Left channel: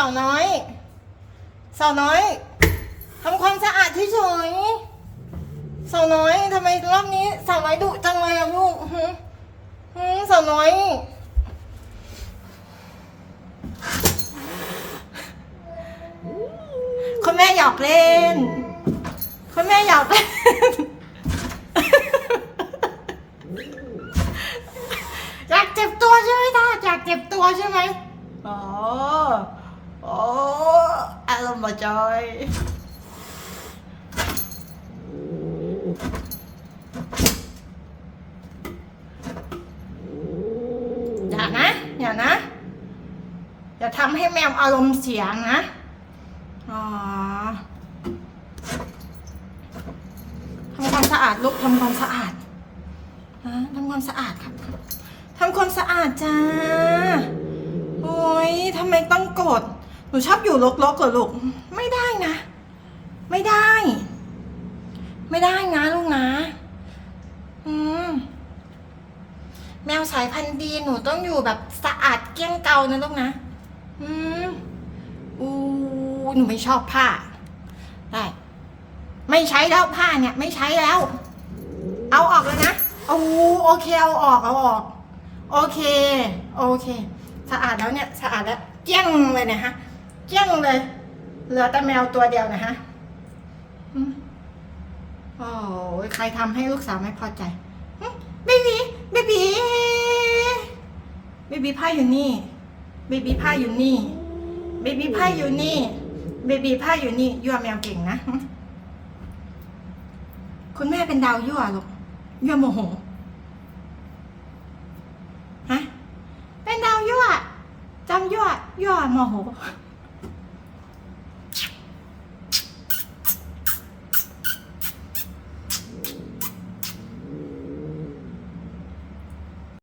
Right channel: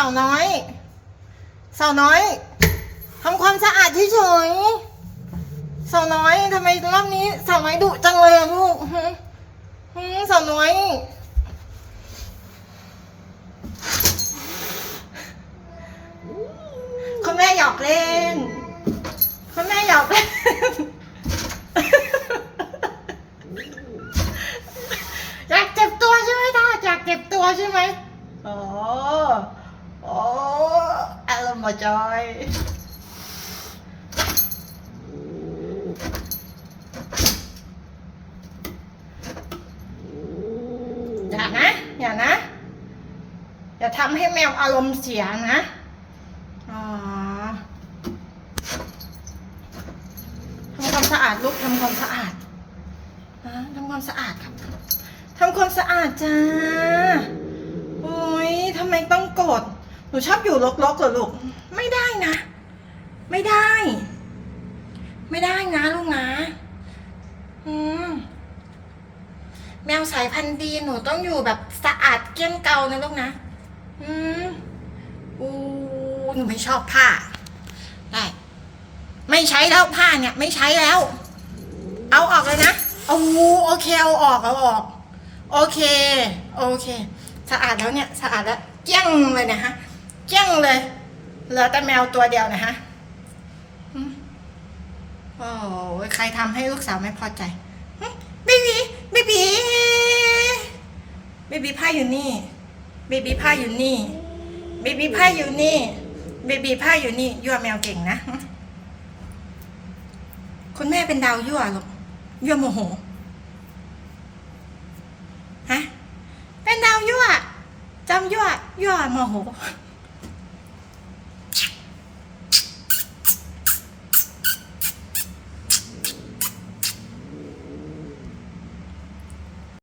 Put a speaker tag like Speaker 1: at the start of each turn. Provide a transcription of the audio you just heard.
Speaker 1: าวน้อย สาวน้อยทำความสะอาดที่เฉยสาวน้อยทำไมรอบนี้สาวน้อยดุจังเลยอะลูกสาวน้อยคุณแม่หยอกเล่นคุณแม่หยอกเล่นอยากเจ็บตัวใช่ไหมท่าอยากเจ็บตัวใช่ไหมอ๋อ โอ้อารมณ์มาจอยอย่านะ อย่านะ อย่าทำให้แมวอารมณ์เสียนะ อ๋อทำความสะอาดลูกทำความสะอาดฮะทำความสะอาดครับทำความสะอาดจ้า โอ้ยทำไมต้องกด หนูชอบอยู่รกๆเหรอลูก ไม่ได้นะ ไม่ได้ ไม่ได้นะลูกนะ อืม แมวสายพันธุ์ดีหนูต้องอยู่แบบสะอาดเกลี้ยงเกานะลูกนะ อืมอู้หนูไม่ชอบผ้า ได้ ไม่ใช้แล้วผ้าเนี่ย ไม่ใช้แล้ว เอาออกเลยนะเอาโอเคเอาออกเอาออก โอเค โอเค สะอาดแล้วเนี่ย สะอาดแล้วเจี้ยงเลยนะฮะ เจี้ยงเลย เหลือแต่แมวตัวเดียวนะฮะอืมโอ้ยใครทำให้ลูกสาวไม่พอใจเบบีเบบีเบบีผ้าอยู่นี่เบบีผ้าอยู่นี่เบบีผ้าอยู่นี่เบบีผ้าอยู่นี่ยั่วแมวเก่งนะคุณแม่เป็นดาวยั่วลูกยั่วโมโหฮะเป็นดาวยั่วจำยั่วยั่วโมโห